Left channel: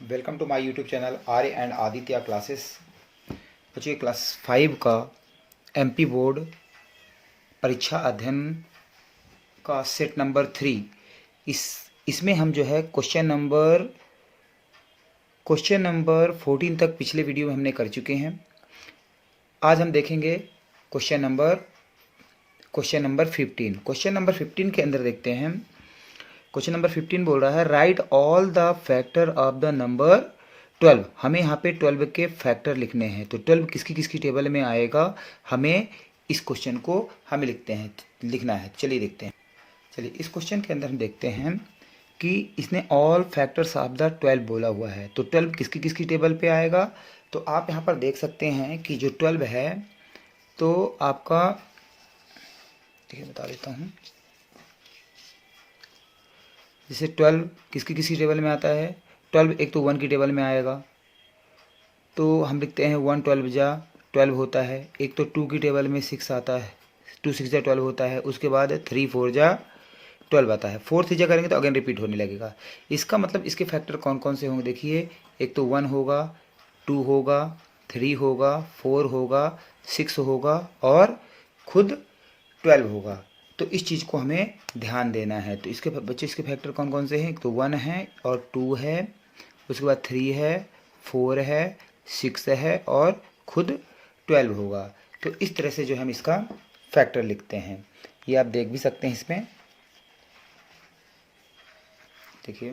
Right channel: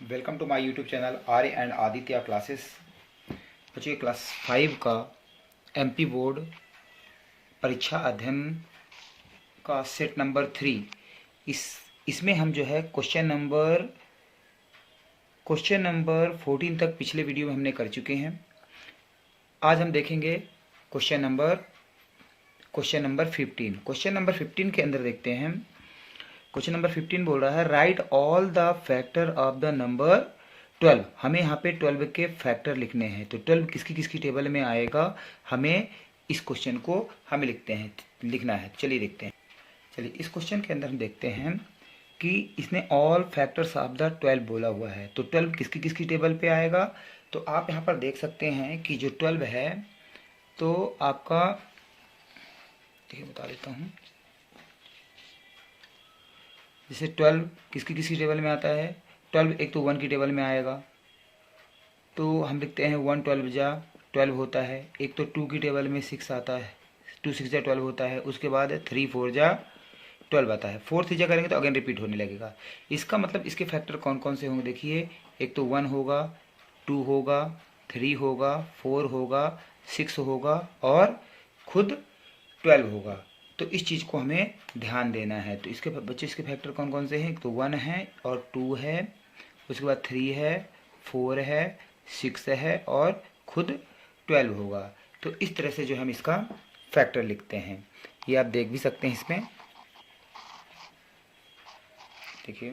Welcome to my YouTube channel Arya and Aditya classes. बच्चों class 5 का MP board परीक्षा अध्ययन का सेट नंबर 3 इसमें हम जो है क्वेश्चन नंबर 14 तक पिछले वीडियो में हमने कर चुके हैं। आज हम देखेंगे क्वेश्चन नंबर 15। क्वेश्चन नंबर 15 के अंदर देखते हैं। क्वेश्चन नंबर 15 बोल रहा है right all the factor of the number 12। हमें यहाँ पे 12 के फैक्टर लिखने हैं। तो 12 किसकी किसकी टेबल में आएगा, हमें इस क्वेश्चन को हमें लिखना है। चलिए देखते हैं। चलिए इस क्वेश्चन के अंदर हम देखते हैं कि इसने ऑल फैक्टर्स ऑफ द 12 बोला हुआ है। तो 12 किसकी किसकी टेबल पे आएगा। तो आप यहाँ पर देख सकते हैं कि जो 12 है तो आपका देखिए बता देता हूँ। जैसे 12 किसकी किसकी टेबल में आता है। 12 एक तो 1 की टेबल में आएगा, तो हम लिखते हैं 1 12 जा 12 होता है। एक तो 2 की टेबल में 6 आता है, 2 6 जा 12 होता है। उसके बाद 3 4 जा 12 आता है। 4 3 जा करेंगे तो अगेन रिपीट होने लगेगा। इसका मतलब इसके फैक्टर कौन कौन से होंगे देखिए। एक तो 1 होगा, 2 होगा, 3 होगा, 4 होगा, 6 होगा और खुद 12 होगा। तो इस चीज़ को हमें ध्यान देना है। तो इसके बच्चे इसके फैक्टर कौन कौन से हैं। एक तो 1 है और 2 है, उसके बाद 3 है, 4 है, 6 है और खुद 12 होगा। तो इस तरह से जो हम इसका फैक्टर लिखते हैं, ये आप देख भी सकते हैं। इसमें देखिए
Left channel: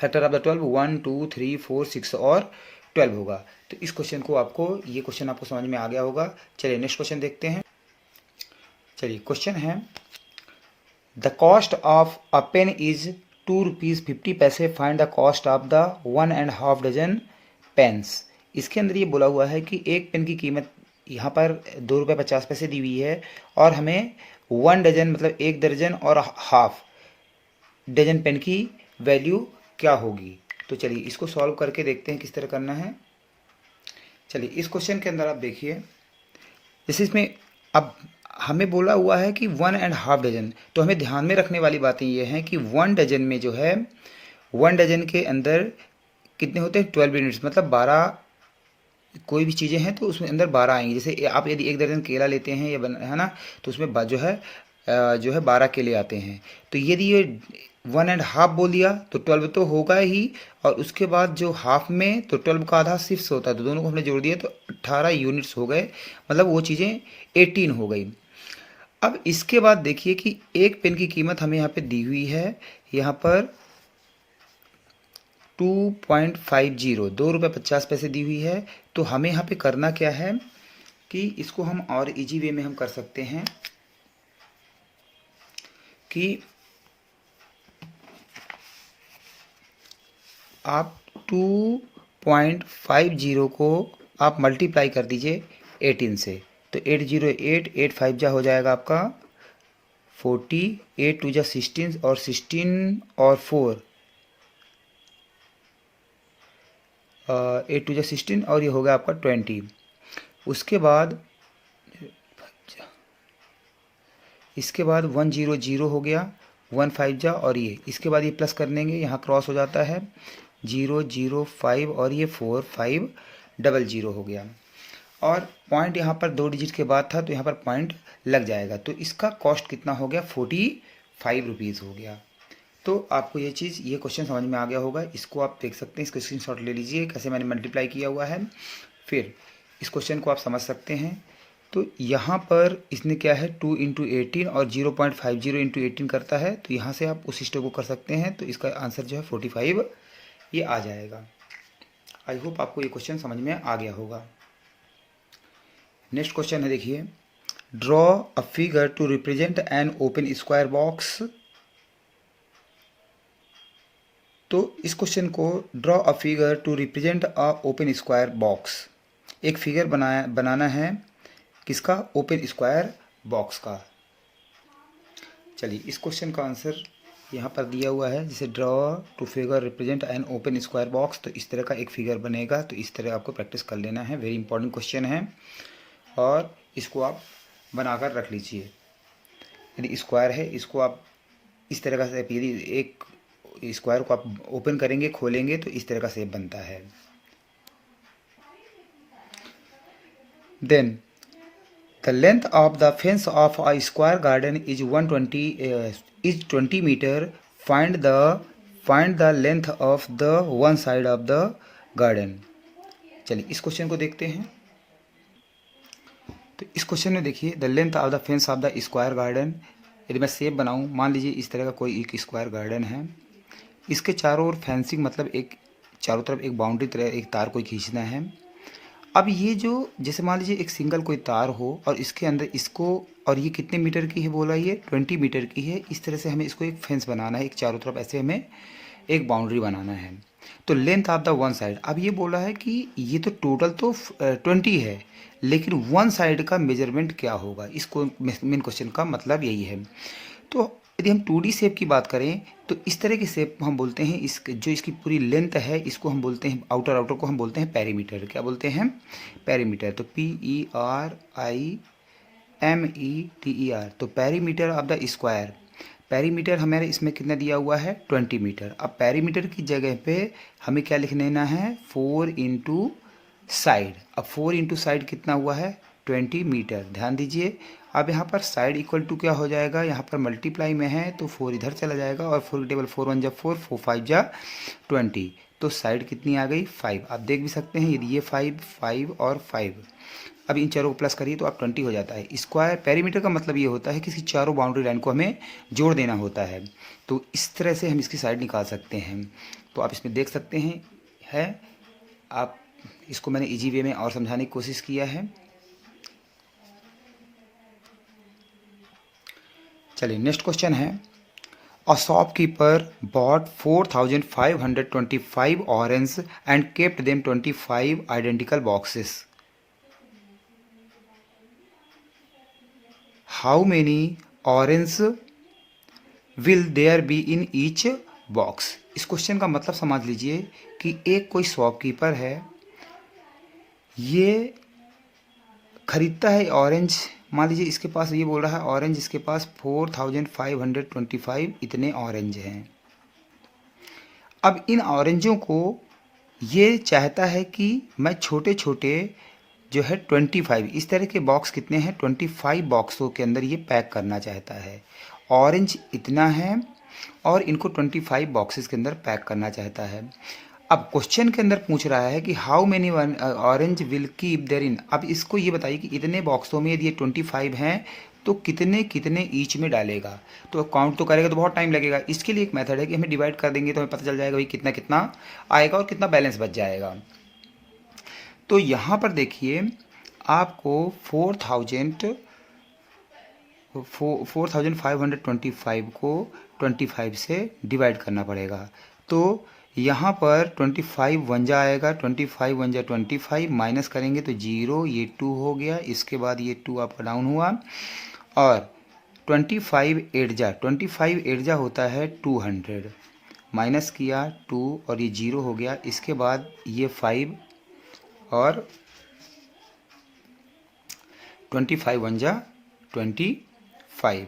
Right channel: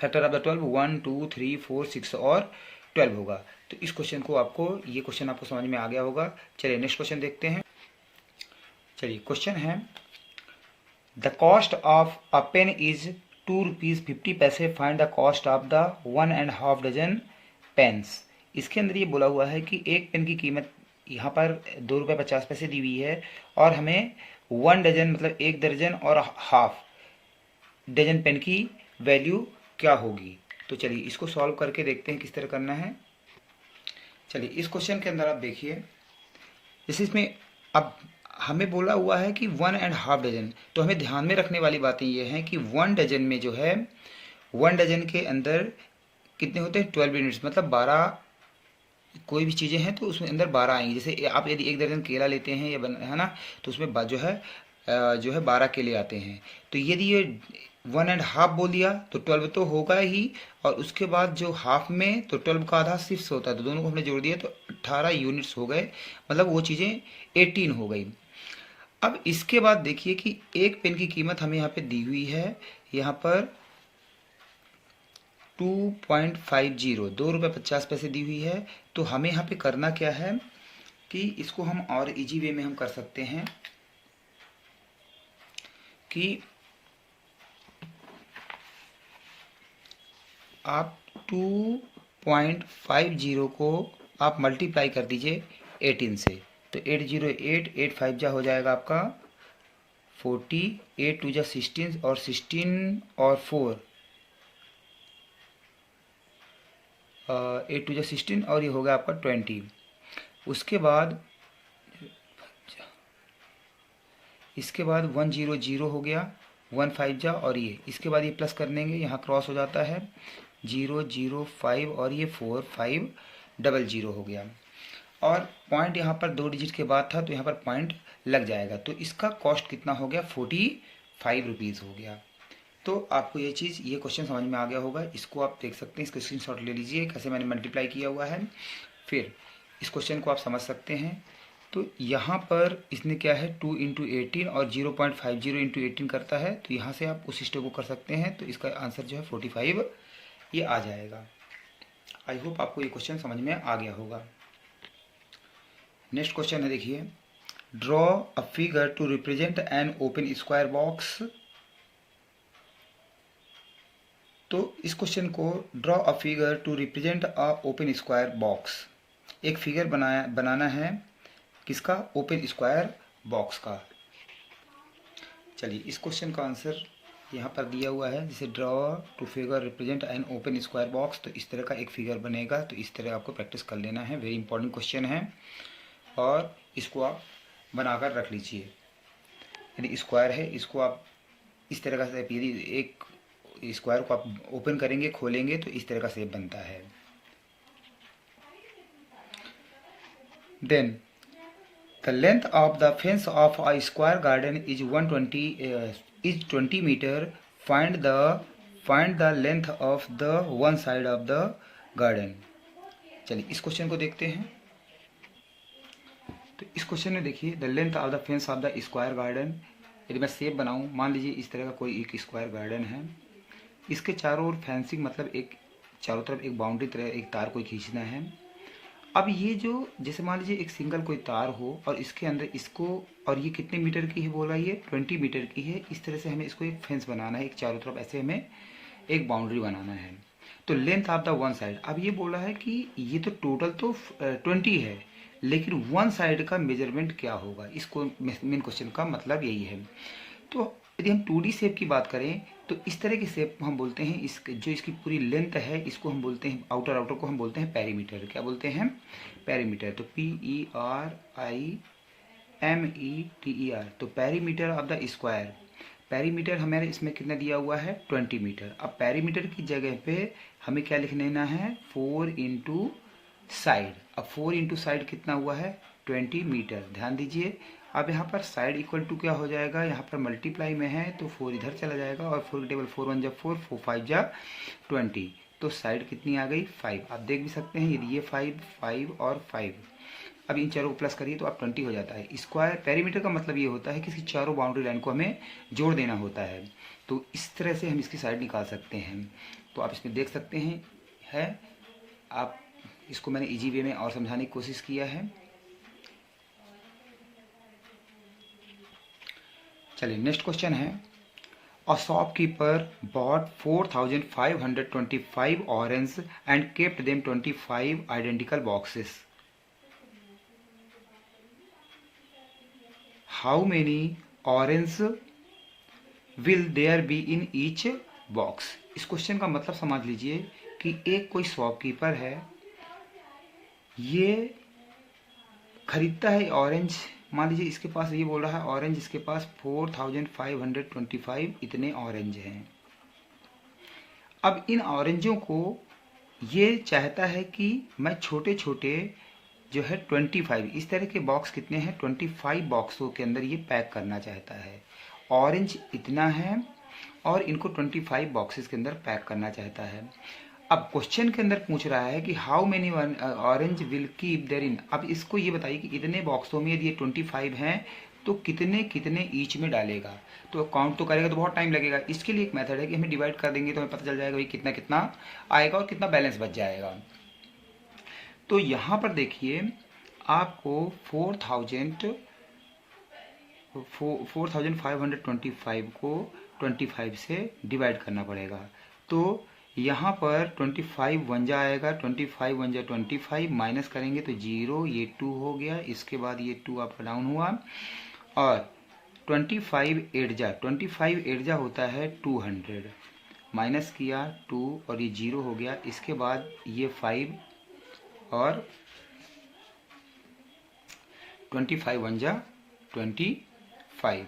फैक्टर ऑफ द 12 1 2 3 4 6 और 12 होगा। तो इस क्वेश्चन को ये क्वेश्चन आपको समझ में आ गया होगा। चलिए नेक्स्ट क्वेश्चन देखते हैं। चलिए क्वेश्चन है the cost of a pen is 2 rupees 50 paise. Find the cost of the 1.5 dozen pens. इसके अंदर ये बोला हुआ है कि एक पेन की कीमत यहाँ पर 2 रुपये 50 पैसे दी हुई है और हमें 1 डजन मतलब 1 दर्जन और हाफ डजन पेन की वैल्यू क्या होगी। तो चलिए इसको सॉल्व करके देखते हैं किस तरह करना है। चलिए इस क्वेश्चन के अंदर आप देखिए, जैसे इसमें अब हमें बोला हुआ है कि 1.5 डजन। तो हमें ध्यान में रखने वाली बातें ये हैं कि 1 डजन में जो है 1 डजन के अंदर कितने होते हैं 12 यूनिट्स, मतलब 12 कोई भी चीज़ें हैं तो उसमें अंदर 12 आएंगी। जैसे आप यदि 1 दर्जन केला लेते हैं है ना, तो उसमें जो है 12 केले आते हैं। तो यदि ये 1.5 बोल दिया तो 12 तो होगा ही, और उसके बाद जो हाफ में तो 12 का आधा 6 होता है, तो दोनों को हमने जोड़ दिया तो 18 यूनिट्स हो गए, मतलब वो चीज़ें 18 हो गई। अब इसके बाद देखिए कि एक पेन की कीमत हमें यहाँ पे दी हुई है, यहाँ पर 2.50 2 रुपये 50 पैसे दी हुई है। तो हमें यहाँ पे करना क्या है कि इसको हम और इजी वे में हम कर सकते हैं कि आप 2.50 को आप मल्टीप्लाई कर दीजिए 18 से। तो 808 8 5 जा हो जाएगा आपका 40, 8 2 जा 16 और 16 और 4 8 2 जा 16 और ये हो गया आपका 20। उसके बाद 100 हो गया 1 5 जा, और ये इसके बाद ये प्लस कर लेंगे, यहाँ क्रॉस हो जाता है 0 0 5 और ये 4 5 00 हो गया। और पॉइंट यहाँ पर 2 डिजिट के बाद था तो यहाँ पर पॉइंट लग जाएगा। तो इसका कॉस्ट कितना हो गया 45 रुपीज़ हो गया। तो आपको ये क्वेश्चन समझ में आ गया होगा। इसको आप देख सकते हैं, इसका स्क्रीनशॉट ले लीजिए कैसे मैंने मल्टीप्लाई किया हुआ है। फिर इस क्वेश्चन को आप समझ सकते हैं। तो यहाँ पर इसने क्या है 2 इंटू 18 और 0.50 इंटू 18 करता है, तो यहाँ से आप उस स्टेप को कर सकते हैं। तो इसका आंसर जो है 45 ये आ जाएगा। आई होप आपको ये क्वेश्चन समझ में आ गया होगा। नेक्स्ट क्वेश्चन है देखिए draw a figure to represent an open square box. तो इस क्वेश्चन को draw a figure to represent a open square box, एक फिगर बनाना है किसका, ओपन स्क्वायर बॉक्स का। चलिए इस क्वेश्चन का आंसर यहाँ पर दिया हुआ है, जैसे draw two figure represent an open square box. तो इस तरह का एक फिगर बनेगा। तो इस तरह आपको प्रैक्टिस कर लेना है, वेरी इंपॉर्टेंट क्वेश्चन है और इसको आप बनाकर रख लीजिए। यदि स्क्वायर है इसको आप इस तरह का यदि एक स्क्वायर को आप ओपन करेंगे, खोलेंगे तो इस तरह का शेप बनता है। Then the length of the fence of a square garden is 20 metre. Find the length of the one side of the garden. चलिए इस क्वेश्चन को देखते हैं। तो इस क्वेश्चन में देखिए, the length of the fence of the square garden. यदि मैं शेप बनाऊं, मान लीजिए इस तरह का कोई एक स्क्वायर गार्डन है, इसके चारों ओर फेंसिंग मतलब एक चारों तरफ एक बाउंड्री तरह एक तार कोई खींचना है। अब ये जो जैसे मान लीजिए एक सिंगल कोई तार हो और इसके अंदर इसको, और ये कितने मीटर की है बोला, ये 20 मीटर की है। इस तरह से हमें इसको एक फेंस बनाना है, एक चारों तरफ ऐसे हमें एक बाउंड्री बनाना है। तो length of the one side, अब ये बोला है कि ये तो टोटल तो 20 है, लेकिन वन साइड का मेजरमेंट क्या होगा, इसको मेन क्वेश्चन का मतलब यही है। तो यदि हम 2D शेप की बात करें तो इस तरह के शेप हम बोलते हैं, जो इसकी पूरी लेंथ है इसको हम बोलते हैं, आउटर को हम बोलते हैं पेरीमीटर। क्या बोलते हैं? पेरीमीटर। तो PERIMETER, तो perimeter of the square. Perimeter हमारे इसमें कितना दिया हुआ है? 20 मीटर। अब पेरीमीटर की जगह पे हमें क्या लिख लेना है? 4 इंटू साइड। अब 4 इंटू साइड कितना हुआ है? 20 मीटर। ध्यान दीजिए, अब यहाँ पर साइड इक्वल टू क्या हो जाएगा? यहाँ पर मल्टीप्लाई में है तो 4 इधर चला जाएगा, और 4 टेबल 4 1 जा 4, 4 5 जा 20। तो साइड कितनी आ गई? 5। आप देख भी सकते हैं, यदि ये 5 5 और 5, अब इन चारों को प्लस करिए तो आप 20 हो जाता है। स्क्वायर पेरीमीटर का मतलब ये होता है कि इसकी चारों बाउंड्री लाइन को हमें जोड़ देना होता है। तो इस तरह से हम इसकी साइड निकाल सकते हैं। तो आप इसमें देख सकते हैं है, आप इसको मैंने इजी वे में और समझाने की कोशिश किया है। चलिए नेक्स्ट क्वेश्चन है, a shopkeeper bought 4525 orange and kept them 25 identical boxes. How many orange will there be in each box. इस क्वेश्चन का मतलब समझ लीजिए कि एक कोई शॉपकीपर है, ये खरीदता है ऑरेंज। मान लीजिए इसके पास, ये बोल रहा है ऑरेंज इसके पास 4525 इतने ऑरेंज हैं। अब इन ऑरेंजों को ये चाहता है कि मैं छोटे छोटे जो है 25, इस तरह के बॉक्स कितने हैं? 25 बॉक्सों के अंदर ये पैक करना चाहता है। ऑरेंज इतना है और इनको 25 बॉक्सेस के अंदर पैक करना चाहता है। अब क्वेश्चन के अंदर पूछ रहा है कि how many orange will keep there in. अब इसको ये बताइए कि इतने बॉक्सों में यदि ये 25 हैं तो कितने कितने ईच में डालेगा। तो काउंट तो करेगा तो बहुत टाइम लगेगा। इसके लिए एक मेथड है कि हमें डिवाइड कर देंगे तो हमें पता चल जाएगा भाई कितना कितना आएगा और कितना बैलेंस बच जाएगा। तो यहाँ पर देखिए आपको 4525 को 25 से डिवाइड करना पड़ेगा। तो यहाँ पर 25 वन जा आएगा, 25 वन जा 25, माइनस करेंगे तो 0, ये 2 हो गया, इसके बाद ये 2 आपका डाउन हुआ, और 25 8 जा होता है 200, माइनस किया 2 और ये 0 हो गया, इसके बाद ये 5 और 25 वन जा 25।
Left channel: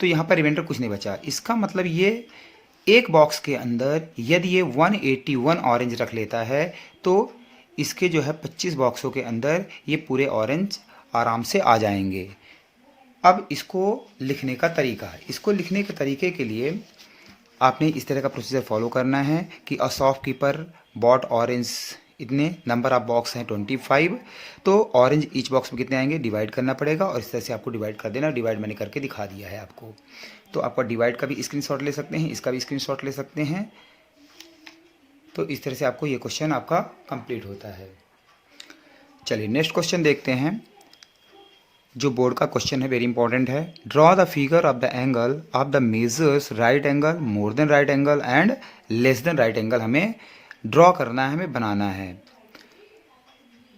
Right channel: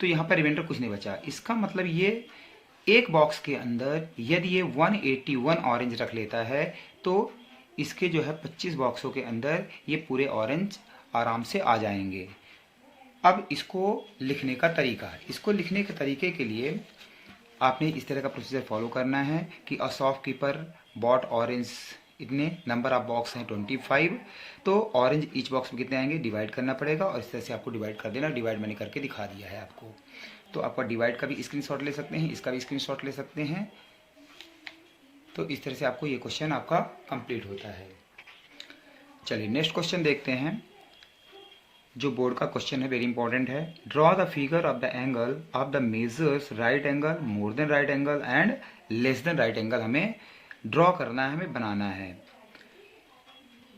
तो यहाँ पर रिमाइंडर कुछ नहीं बचा। इसका मतलब ये एक बॉक्स के अंदर यदि ये 181 ऑरेंज रख लेता है तो इसके जो है 25 बॉक्सों के अंदर ये पूरे ऑरेंज आराम से आ जाएंगे। अब इसको लिखने का तरीका, इसको लिखने के तरीके के लिए आपने इस तरह का प्रोसीजर फॉलो करना है कि अ शॉपकीपर बॉट ऑरेंज, इतने नंबर ऑफ बॉक्स हैं 25, तो ऑरेंज ईच बॉक्स में कितने आएंगे डिवाइड करना पड़ेगा, और इस तरह से आपको डिवाइड कर देना। डिवाइड मैंने करके दिखा दिया है आपको। तो आपका डिवाइड का भी स्क्रीनशॉट ले सकते हैं, इसका भी स्क्रीनशॉट ले सकते हैं। तो इस तरह से आपको ये क्वेश्चन आपका कंप्लीट होता है। चलिए नेक्स्ट क्वेश्चन देखते हैं, जो बोर्ड का क्वेश्चन है, वेरी इंपॉर्टेंट है। Draw the figure of the angle of the measures right angle, more than right angle and less than right angle हमें ड्रॉ करना है, हमें बनाना है।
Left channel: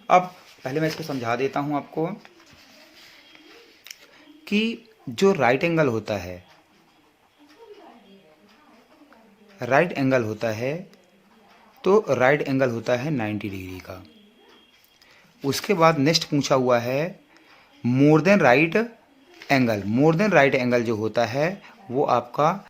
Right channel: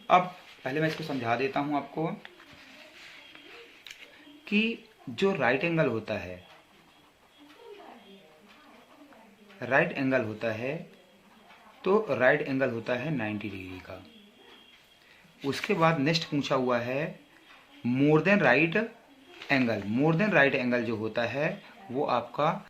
अब पहले मैं इसको समझा देता हूं आपको कि जो राइट एंगल होता है, राइट एंगल होता है तो राइट एंगल होता है 90 डिग्री का। उसके बाद नेक्स्ट पूछा हुआ है more than right angle. More than right angle जो होता है वो आपका